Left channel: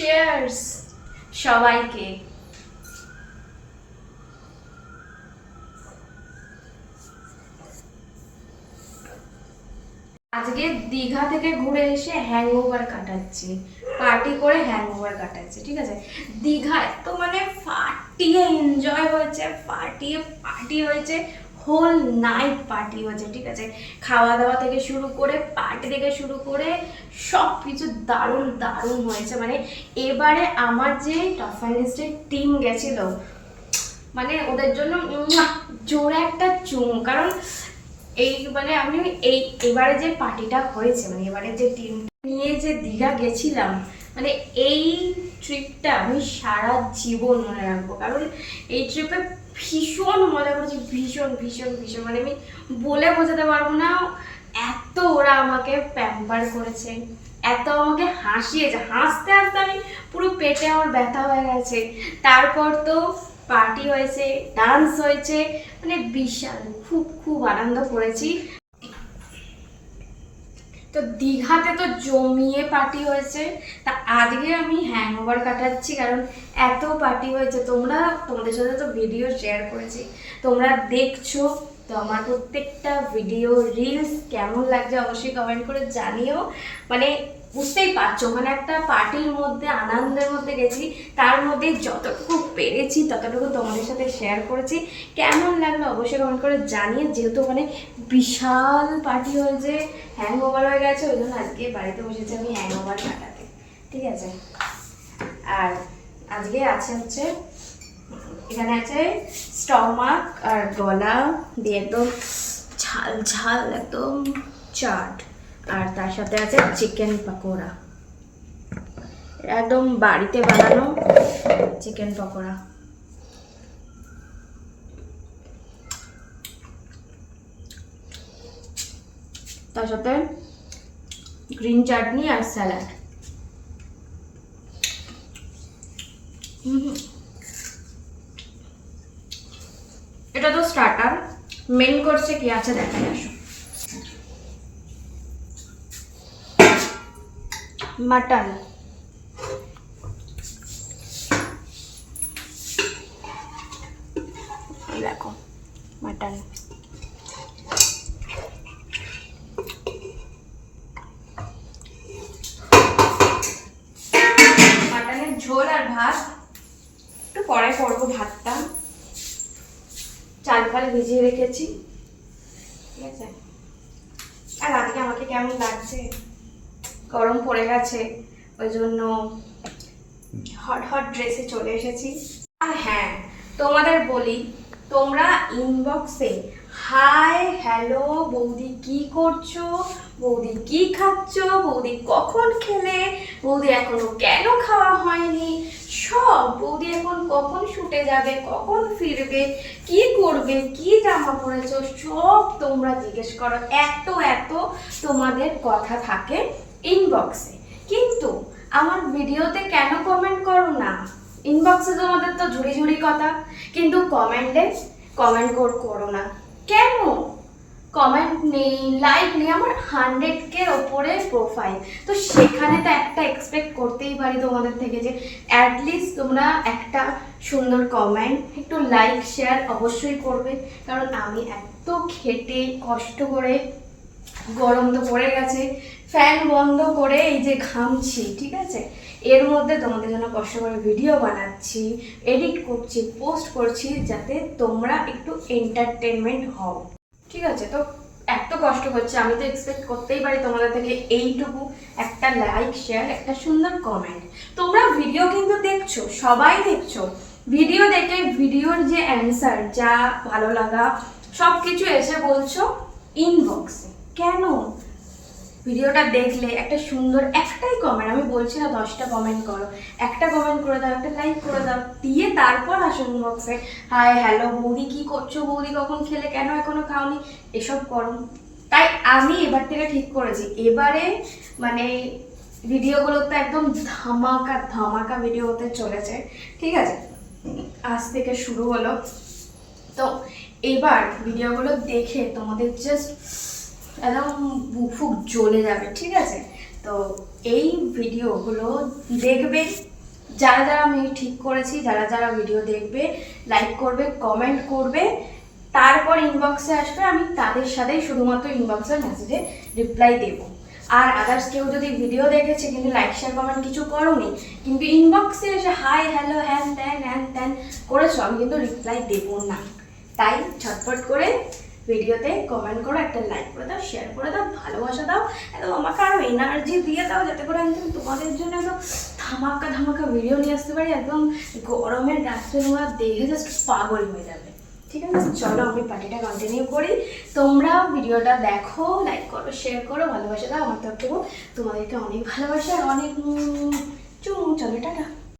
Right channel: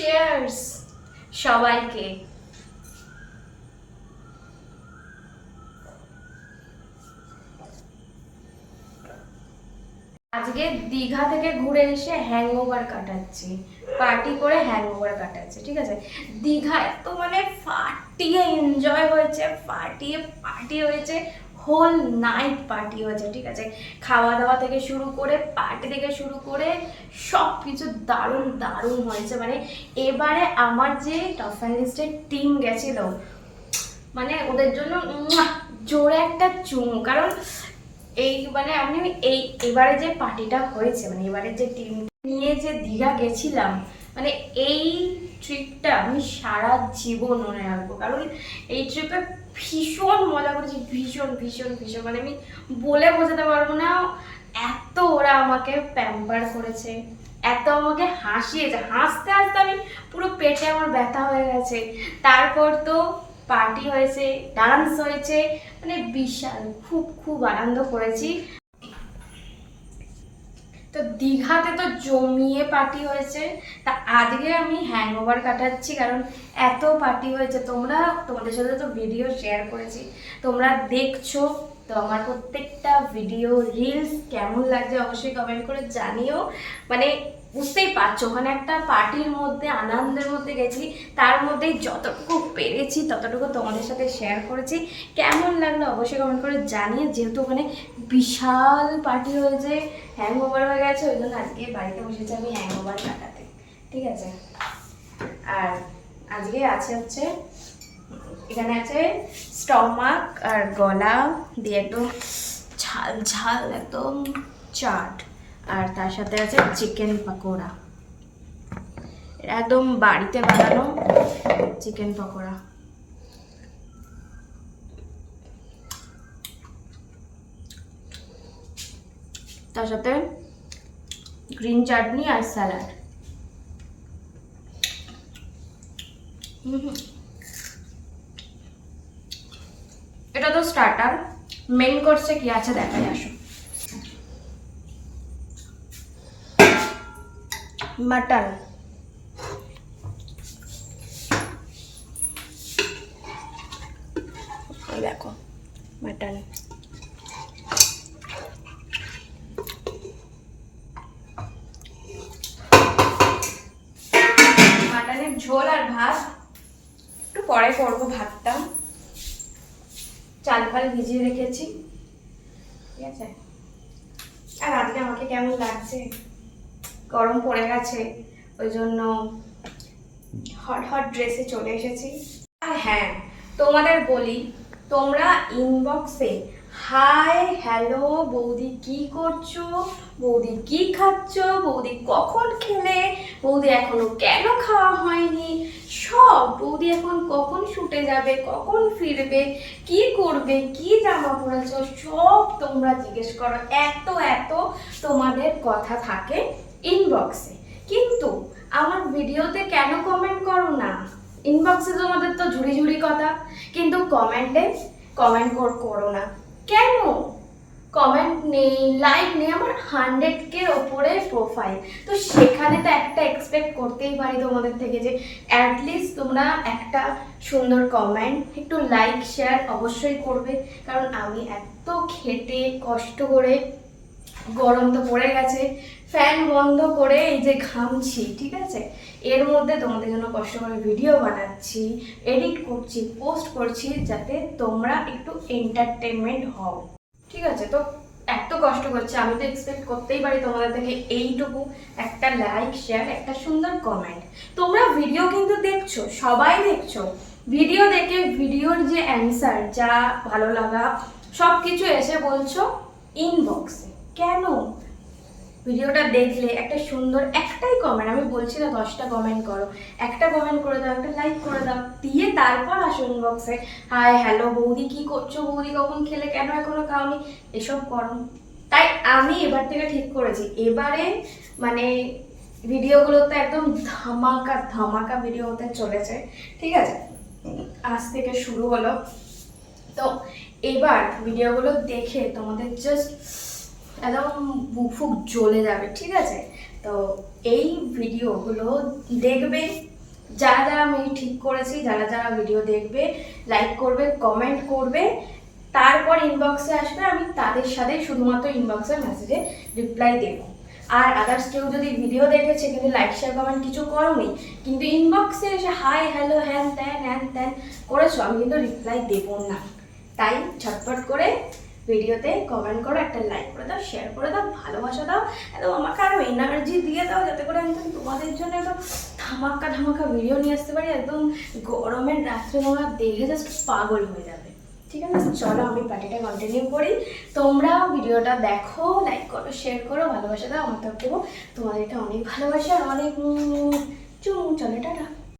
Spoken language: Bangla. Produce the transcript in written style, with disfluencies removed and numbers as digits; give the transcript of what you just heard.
চিয়ার্স সবাইকে। আজকে দীঘা থেকে ঘুরে এসে হ্যাংওভার কাটাচ্ছি, পার্টি করে হ্যাংওভার কাটাচ্ছি। ঠিক আছে, দীঘায় তো মানে ফাটিয়ে এনজয় হয়েছে, ফাটিয়ে পার্টি হয়েছে, হোল নাইট পার্টি হয়েছে। ঠিক আছে, খাওয়া দাওয়া থেকে শুরু করে পার্টি থেকে শুরু করে সব কিছু দারুণ দারুণ হয়েছে। মানে এবারে আমার যে টপ ফাইনালিস্টের টিম গেছিল, মানে ওদের জন্য জোরে একটা চুমু। কারণ এইবারে আমি এবারে যে পার্টিটা হয়েছে, মানে এবারে যে টিম নিয়ে যে দীঘা গেছিলাম, মানে এই ট্রিপটা আমি সারা জীবন মনে রাখবো। কারণ এই ট্রিপে ভীষণ মজা করেছি, ভীষণ ভীষণ ভীষণ, মানে আমি বলে বোঝাতে পারবো না। এত ওরা আমাকে প্যাম্পার করেছে, এত আমাকে হাসিয়েছে, হাসতে হাসতে আমি পুরো পেটে আমার ব্যথা হয়ে গেছে। তারপর তো পার্টি হয়েছে, ডান্স হয়েছে, মানে বিশাল, খুব খুব আনন্দ করেছি। তো দীঘাতে তো জমিয়ে পার্টি হয়েছে, তা আজকে আমি হ্যাংওভার কাটাচ্ছি। কারণ এত পার্টি হয়েছে, তোমাদের সাথে তো ভিডিও শেয়ার করেছি, তোমরা দেখছো। তো আমার প্রত্যেকটা ভিডিও রিলস কেমন লাগছে অবশ্যই কমেন্ট করে জানিও। মানে বুঝতেই পারছো, ওখানে একটা পার্টির মধ্যে, আনন্দের মধ্যে গেছি, তার মধ্যে যতটুকু পেরেছি ততটুকু তোমাদের সাথে শেয়ার করেছি। কেমন লাগলো অবশ্যই কমেন্ট করে জানিয়ে। যেহেতু ওখানে বিশাল পার্টি হয়েছে, হ্যাংওভার হয়ে গেছে, ওই জন্য আজকে বাড়িতে বসেছি আমি হ্যাংওভার কাটাতে। ঠিক আছে, আর আজকে আছে হচ্ছে, এখানে আছে স্টমাক আর গলা দিয়ে একদম ঝাল ঝাল একদম চাট, আর তার সাথে আছে চিকেন পকোড়া, একদম বাড়িতে বানানো চিকেন পকোড়া। তার সাথে গ্রিন চাটনি আর স্যালাড। এটা তো স্টার্টার, মেন কোর্সে কি আছে দেখাই আসো। মাটন, দেখো মাটন, মাটনের ঝোল আর ভাত। একটু পরে করবো ভাতটা, চাল ফাল ভিজিয়ে রেখেছি। ঠিক আছে, আর আজকে আমাকে কেমন লাগছে, গরম পড়ে গেছে, ওই জন্য হট হট ড্রেসে চলে এসেছি। আর হ্যাঁ, তোমাদের বলি, তোমরা ইনবক্সে হাই হ্যালো বৌদি কি করছো, বৌদি কি খাচ্ছ, বৌদি কখন খেলে, বৌদি এখনো কেন খাওয়া হয়নি, সব, বৌদি এখন কখন শুটে যাবে, কখন ফিরবে, কি করবে, কি জামা পরেছো, সব তোমরা জিজ্ঞেস করো। এত এত তোমাদের কথা থাকে ইনবক্সে, কিন্তু আমার ভিডিওতে কেন কমেন্ট করো না? ইনবক্সে তোমাদের তো ঝুড়ি ঝুড়ি কথা, কিন্তু কমেন্টে কমেন্ট করো না কেন? কমেন্ট নেই, লাইক নেই। আমার 100K ওপরে প্রোফাইল, তো সেখানে তো একটা এক্সপেক্ট করতেই পারি তোমাদের থেকে, যে অ্যাটলিস্ট তোমরা একটা সুন্দর কমেন্ট, একটু লাইক শেয়ার অবশ্যই করবে। কারণ আমি এত খেটে কষ্ট করে, গরম তো পড়ে গেছে, ফ্যান বন্ধ করে এই যে ঘামছি, ঠিক আছে, এর মধ্যে তোমাদের জন্য কষ্ট করে ভিডিও বানাচ্ছি, এডিট করছি, পোস্ট করছি, যাতে তোমরা একটু এন্টারটেনমেন্ট হও। ঠিক আছে, তো এত কষ্ট করছি, আমি তো এক্সপেক্ট করতেই পারি তোমাদের থেকে এইটুকু, একটা লাইক শেয়ার, একটা সুন্দর কমেন্ট। তোমরা ভিডিও কিন্তু দেখছো, সবাই দেখছো, ভিডিও দেখে ভিডিওর যে অ্যান্সার, যা ভালো লাগা সব কিছু এসে বলছো ইনবক্সে। কেন? ভিডিওটা দেখলে একটা সুন্দর একটাই কমেন্ট, আমি বলছি না 10টা কমেন্ট করো, একটা কমেন্ট করে দাও, একটা লাইক করে দাও, দিয়ে তারপর আসো ইনবক্সে হাই হ্যালো বৌদি কি করছো, বৌদি কখন খেলে, কেন এখনো খাওনি, এসব করো। তাই আমি এবার থেকে ঠিক করেছি, এবারে মানে ভিডিওগুলো তো একদম ধামাকা ধামাকা ভিডিও হতে চলেছে। ঠিক আছে, আজ থেকে শুরু হলো, তো এইবার ভিডিওগুলো দেখে তোমাদের জাস্ট একদম বুক ফুক জ্বলে যাবে। ঠিক আছে, তো এই ভিডিওগুলো দেখবে, যারা যারা আমি ঠিক করেছি, যারা যারা ভিডিও দেখবে, লাইক করবে, কমেন্ট করবে, তারপর ইনবক্সে আসবে, আমি তাদের সাথেই শুধুমাত্র ইনবক্সের মেসেজে রিপ্লাই দেবো। আর আদার্স কেউ যদি ভিডিও দেখেছে কিন্তু লাইক শেয়ার কমেন্ট কিছু করোনি, কিন্তু ইনবক্সে এসে হাই হ্যালো হ্যান ত্যান করেছো, আমি কিন্তু রিপ্লাই দেবো না। তাই ঝটপট করে ভিডিওতে কমেন্ট করো, একটা লাইক করে দাও, শেয়ার করে দাও, ভালোবাসা দাও, একদম আমাকে আরও এনার্জি দিয়ে দাও, যাতে করে আমি তোমাদের জন্য একদম ধামাকা ধামাকা ভিডিও নিয়ে আসতে পারি। একদম গরমের রাত্রে তোমরা দেখে জাস্ট পাগল হয়ে যাবে। ঠিক আছে, চলো আমি পার্টিটা কন্টিনিউ করি। তোমরাও ভিডিওটা দেখো, লাইক করো, শেয়ার করো, ভালোবাসা দাও। আমার তরফ থেকে তোমাদেরকে অনেক ভালোবাসা আর অনেক চলো টাটা।